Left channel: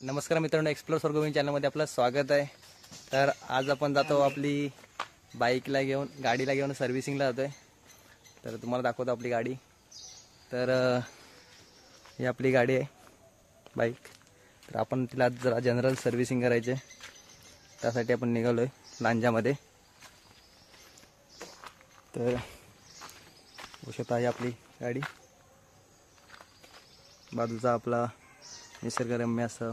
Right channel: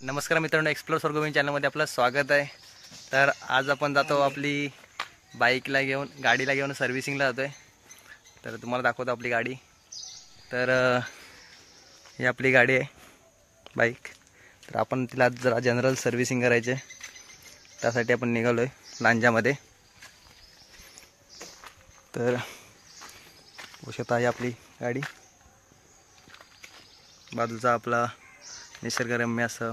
नमस्कार मित्रांनो, एक्सप्लोर स्वर्गभूमी चॅनलमध्ये आपलं स्वागत आहे। तर आज आपण जातो आपली बाईकला घेऊन, गाडीला घेऊन सर्व्हिसिंगला जातो आहे। तर तुम्हाला दाखवतो आपली गाडी। तर ही आपली गाडी आहे, बाईक। तर आपण तिला जरा जनरल सर्व्हिसिंग करायची आहे, त्यासाठी आपण निघालो आहे लांजामध्ये। तर बघत आहे आपली गाडी, बाजूचा आपला निसर्गरम्य असं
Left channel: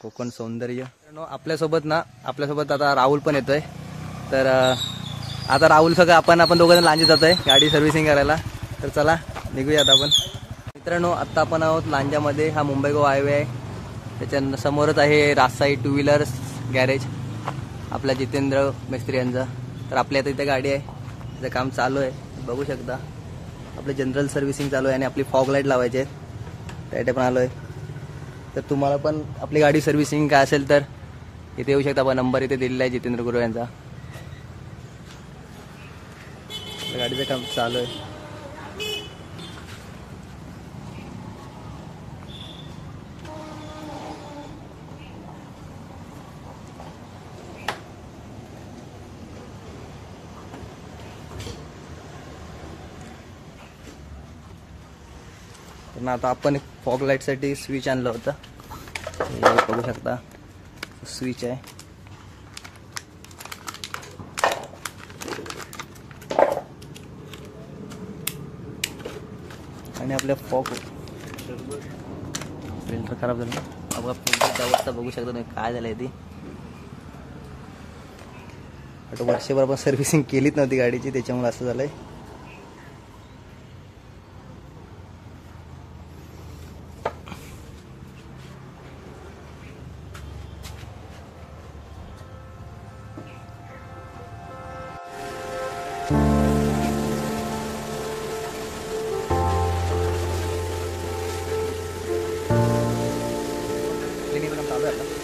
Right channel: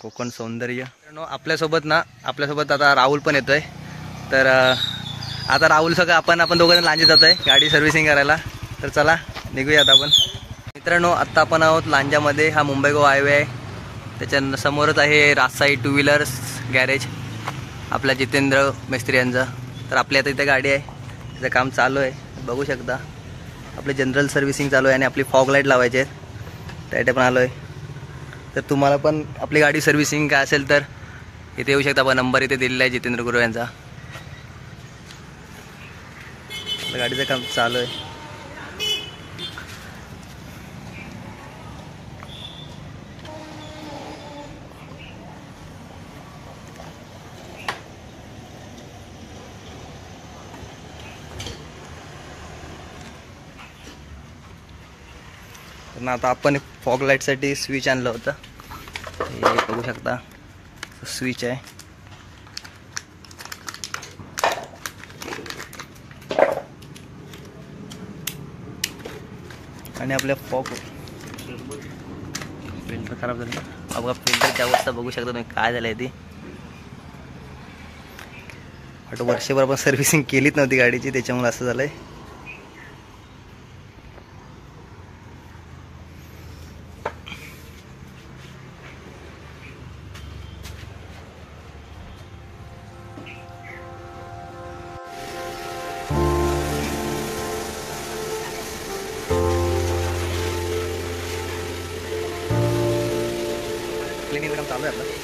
कोकण सौंदर्य। आपल्यासोबत आता राहुल पण येतोय। तर आता राहुल सगळं आपण दोघं लांजा जातोय गाडी सर्व्हिसिंग करायला। तर चला निघूयात आपण। मित्रांनो, आता आपण आहोत लांजामध्ये। हा मुंबई गोवा हायवे आहे, त्याच्या समोरच आहे राजसाई टू व्हीलर्स गॅरेज आपल्या जितेंद्र मिस्त्री यांचा। तर आपल्या आता इथे गाडी आहे, त्याचं काम चालू आहे, बघू शकता। आपली जनरल सर्व्हिसिंग चालू आहे आणि आपली फॉग लाईट लावायची आहे, त्यासाठी पण आलो आहे। तर तुम्हाला पण आपली गाडी सर्व्हिसिंग काय असेल तर इथे येऊ शकता। आपण नंबर इथे दिलेला आहे जितेंद्र गुरु यांचा। गाडीचं काम चालू आहे। तर आता आपण फॉग लाईटसाठी स्विच आणलं होतं, हे बघू शकता, स्विच आहे। आणि आपल्या फॉग फिल्टर खराब झालं, बघा फिल्टरची अवस्था बघू शकता तुम्ही, काय झालं आहे ती। बट वर्षभर आपण सर्व्हिसिंग केलीच नव्हती गाडीची, त्याच्यामुळे असं झालंय। क्लिनिंग काम चालू आहे आपलं।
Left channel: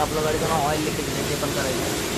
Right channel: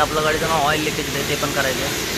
इथं आपलं गाडीचं नाव ऑइल लिकेज आहे, ते पण करायचं आहे.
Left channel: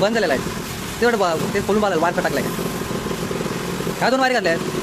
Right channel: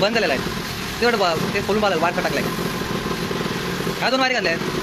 बंद झालेला आहे तेवढं ते खोलून बाजूला वायर टाकलाय. ह्या 2 वायर घातल्या आहेत.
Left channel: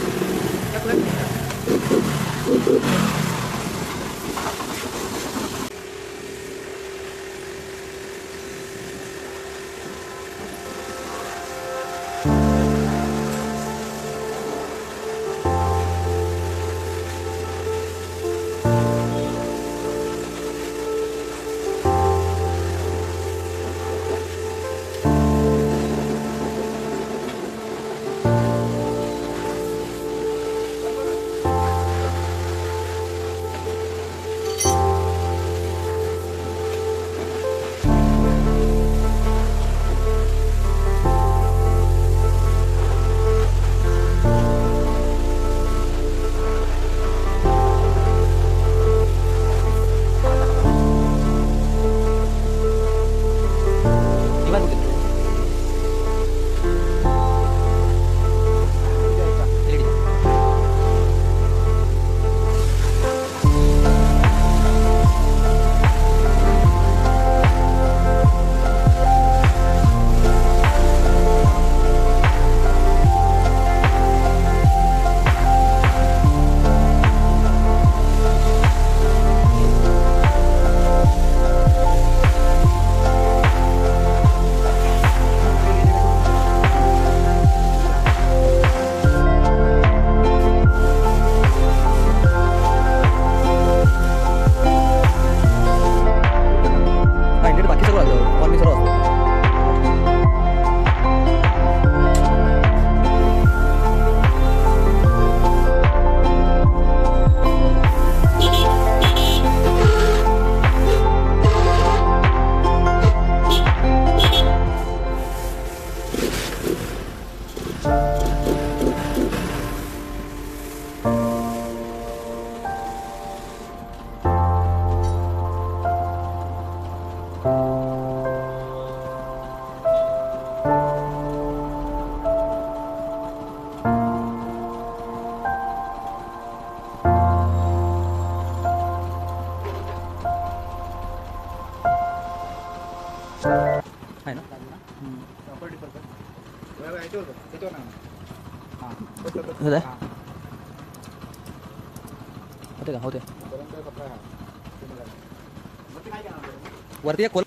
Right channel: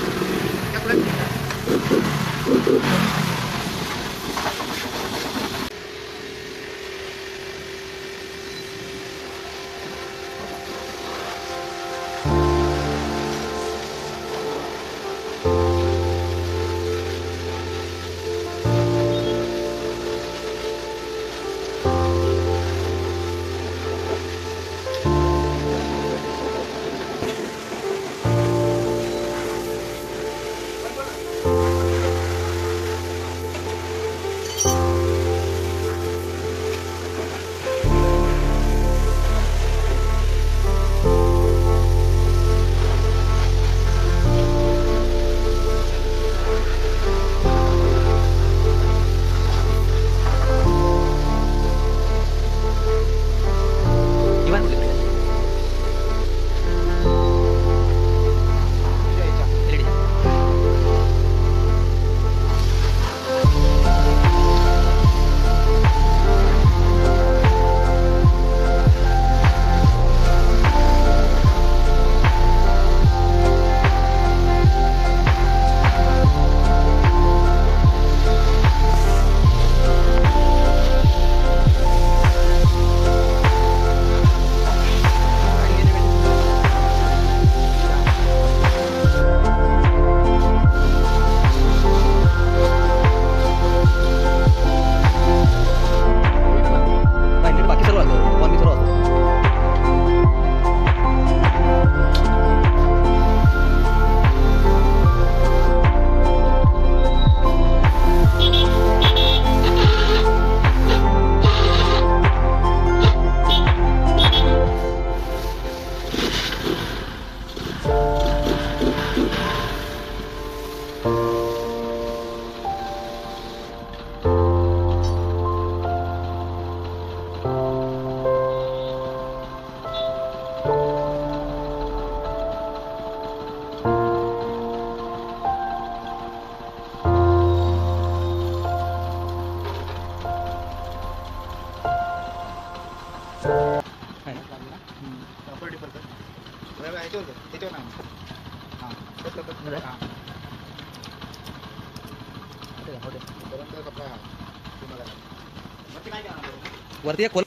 वरती एक खोल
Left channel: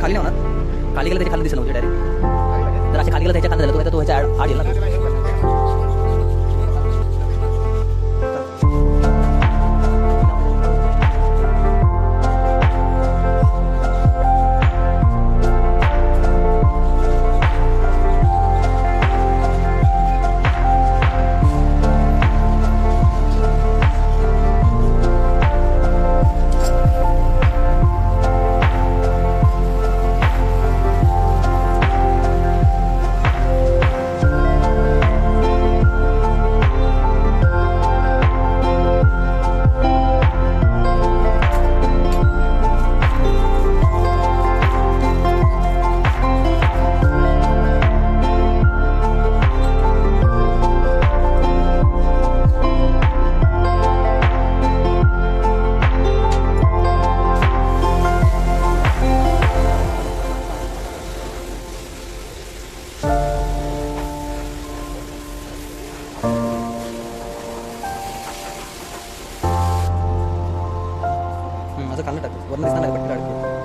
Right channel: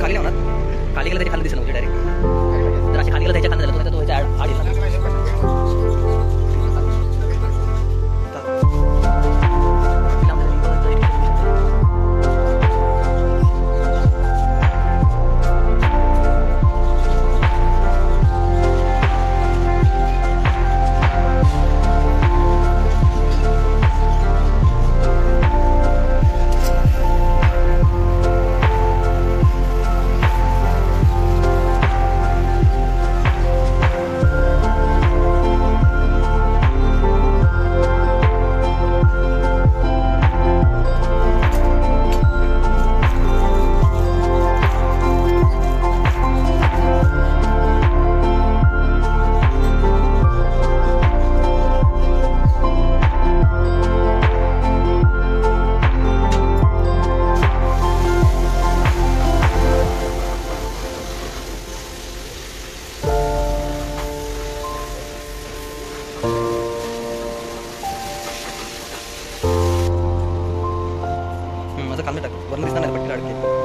खाली लावणार खाली गेलं त्याच्या खाली दिसलं डायरेक्ट जर अशी खाली गेलं त्याच्या खाली झालं तो ह्याच्या आड येईल ना. काढके.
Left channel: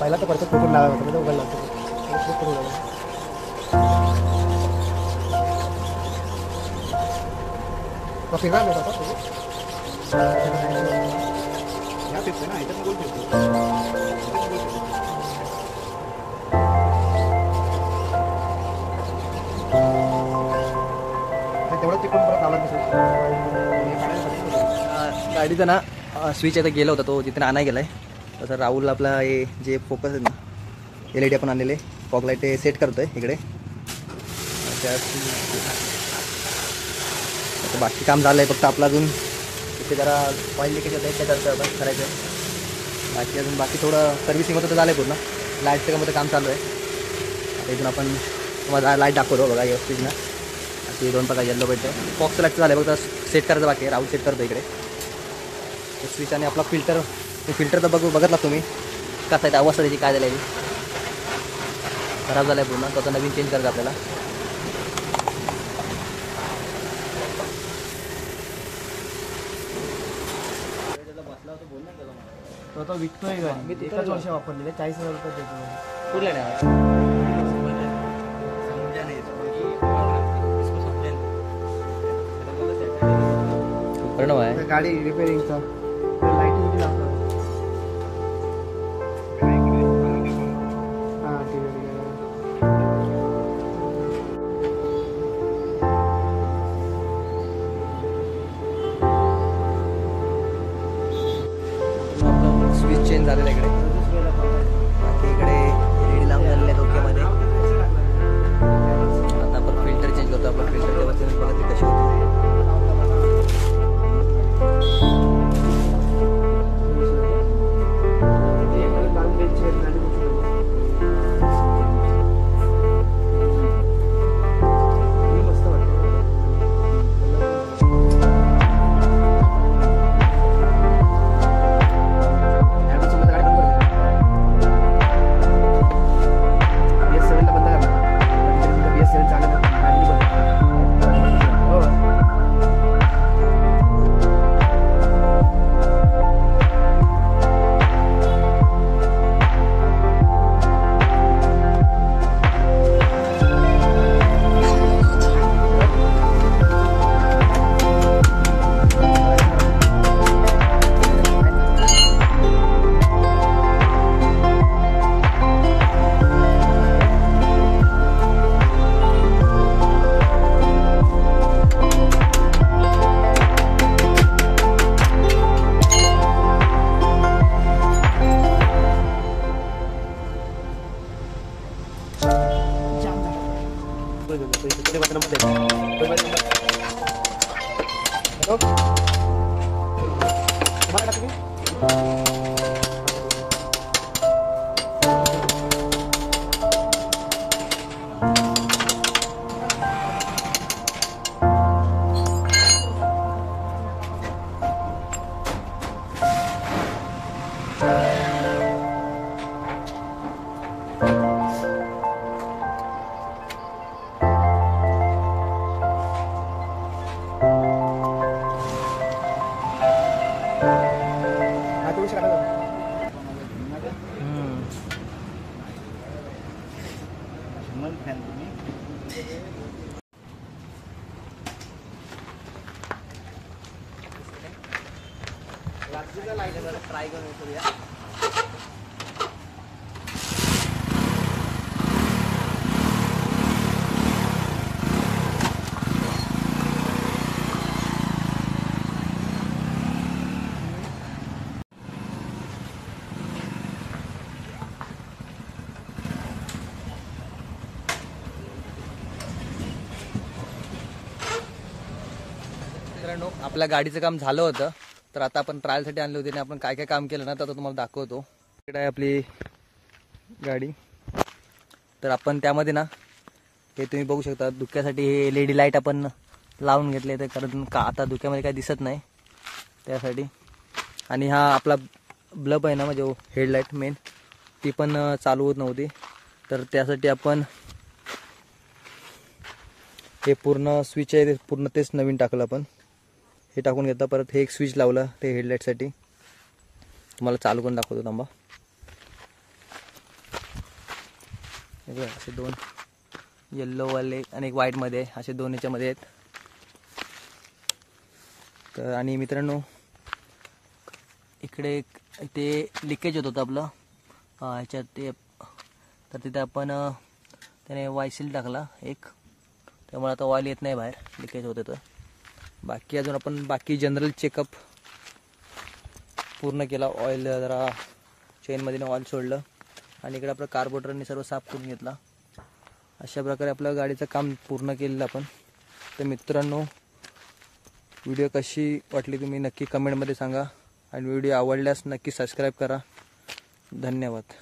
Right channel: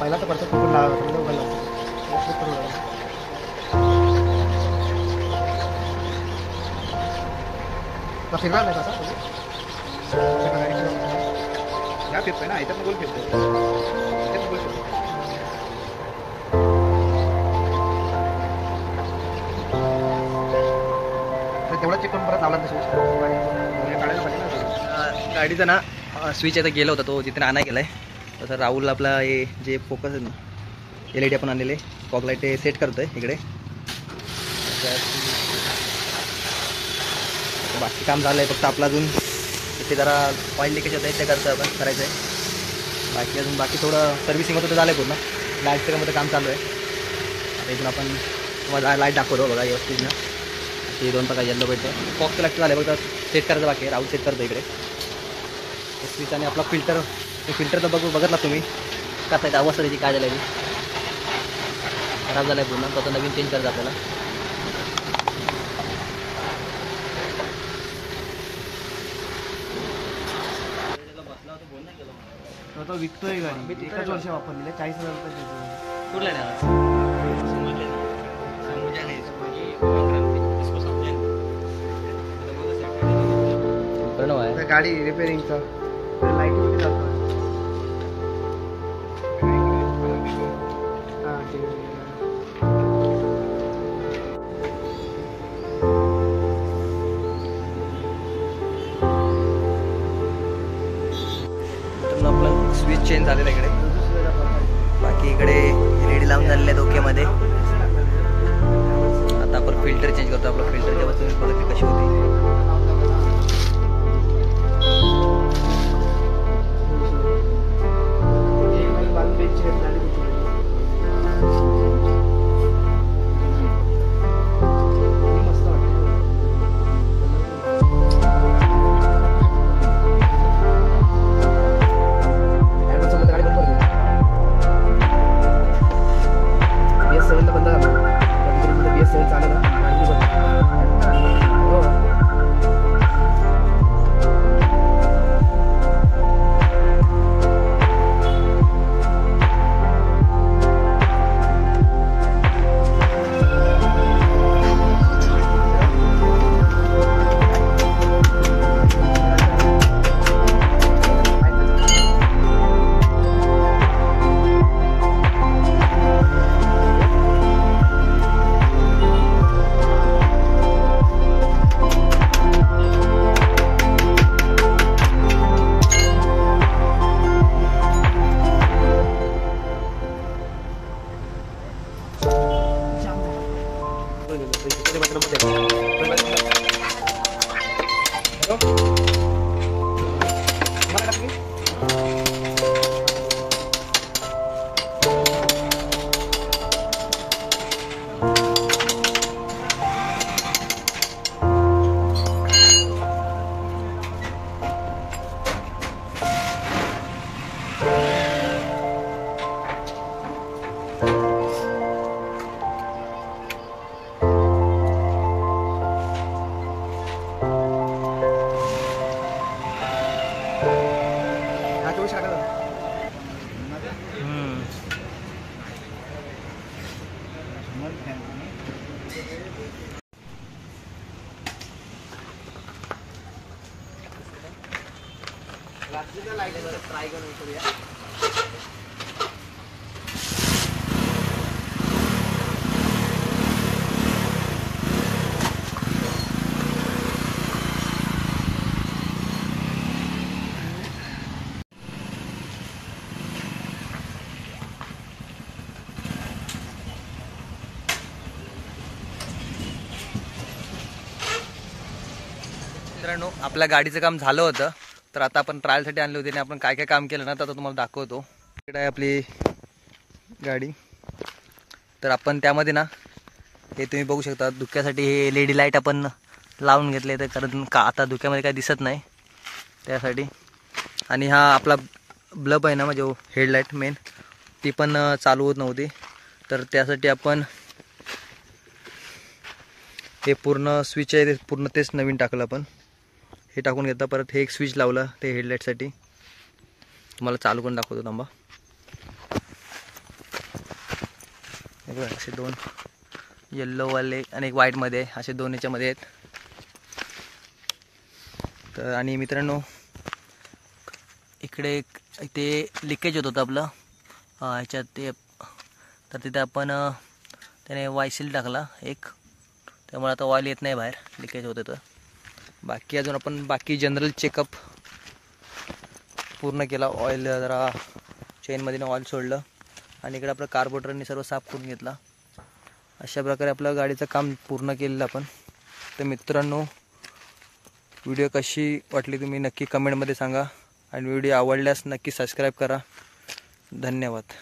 पहिला तर परत कुठून लावायचं उघडला फिरणार नाही आता या फिरतोय ना इथं गोल फिरतोय गोल फिरतो तेवढा चेक करून परत लावला काढायला पाहिजे ना. गाडीचा ना स्विच आता गेला होता तो जिथे आणा गेला आहे. तसं राहुल आपला हे जे फोकस आहे ना LED आपण आणलेले फॉग लाईट ते सेट करतो आहे इकडे. बाकी काम झालं आहे फक्त आपलं अजून इथे जरा ऑइल लिकेज होतं आहे ते करतो आपण करायचं आहे. बाकी थोडं सर्व्हिसिंग होतं तर झालं आहे पूर्ण. लाईटचं कामाचं काम चालू आहे. आता इथून आपण तुम्हाला लाईट दाखवतो बघा व्यवस्थित ना. ते 2 प्रकार येल्लो भेटते. फॉक्सचं लाईट झालं आहे फक्त सेट करायचं बाकी आहे. राहुल सेट करतो इकडे स्विच आणि आपला फिल्टर तर बघतला तुम्ही कसा आहे अवस्था त्याची काय झाली खराब झाला आहे पूर्ण. तो आता नवीन चेंज करायचं आपल्याला. तो विकतोय गाडी एकच वर्ष वापरलेलं 40,000 रुपये कुठला प्रणव आहे गाडी रिपेअरिंग का लाईटिंग आपलं स्विच चेंज झालेलं इकडे. बाकी इकडे LED लावून झालेले आहेत ओकेमध्ये. आता आपण फिल्टर चेंज करतो. आपलं फिल्टर जेव्हा तुम्ही बघितली कशी होती. BS7 ला बंद करा. BS7 चालेल ना. तुम्हाला टाकू की? हा, 24 टाका. ट्राय करून करूया. मित्रांनो, आपल्या गाडीचं काम झालं होतं, तर आता आपण ट्रायलसाठी आणली होती आणि आपण काय काय काम केलं ना तर आता तुम्हाला दाखवतो. इकडे आहे आपली गाडी. तर आपण त्यामध्ये ना हे तुम्ही बघू शकता, धुक्यासाठी हे LED लाईट आपण लावून घेतले, तर कारण का आता धुक्यामध्ये काही दिसत नाही त्यासाठी. आणि हा आपला ब्लब आहे ना, म्हणजे हेडलाईट मेन, ती पण चालू होत नव्हती, तर त्यासाठी आपण हे पूर्ण स्विच आहे ते पूर्ण तेच नवीन टाकलं आपण. हे टाकून घेतलं, परत हे एक स्विच लावलं ते हेडलाईटसाठी. तुम्हाला चालू करून दाखवतो थांबा. असे दोन येल्लोवाले आणि एक व्हाईटमध्ये असे दोन याच्यामध्ये आहेत. तर आणि मित्रांनो, इकडे इथे लिकेज होत होतं आपलं ह्याच्यात ते, तर तिथे आपण त्याने वायसील टाकला एक, त्यामुळे आता ऑइल येत नाही बाहेर, लिकेज होतं. तर बाकी अजून आपण बाकी जनरल चेकअप पूर्ण केला. ऑइल जरा चेनमध्ये ऑइल सोडलं आणि इकडे आपलं कार्बोरेटरने सर्व साफ करून घेतला. अशा प्रकारे आपलं गाडीचं काम पूर्ण केलेलं आपण. तर मित्रांनो, व्हिडिओ कशी वाटली तुम्ही नक्की कमेंटमध्ये सांगा आणि व्हिडिओ आवडल्यास नक्की सबस्क्राईब करा. धन्यवाद.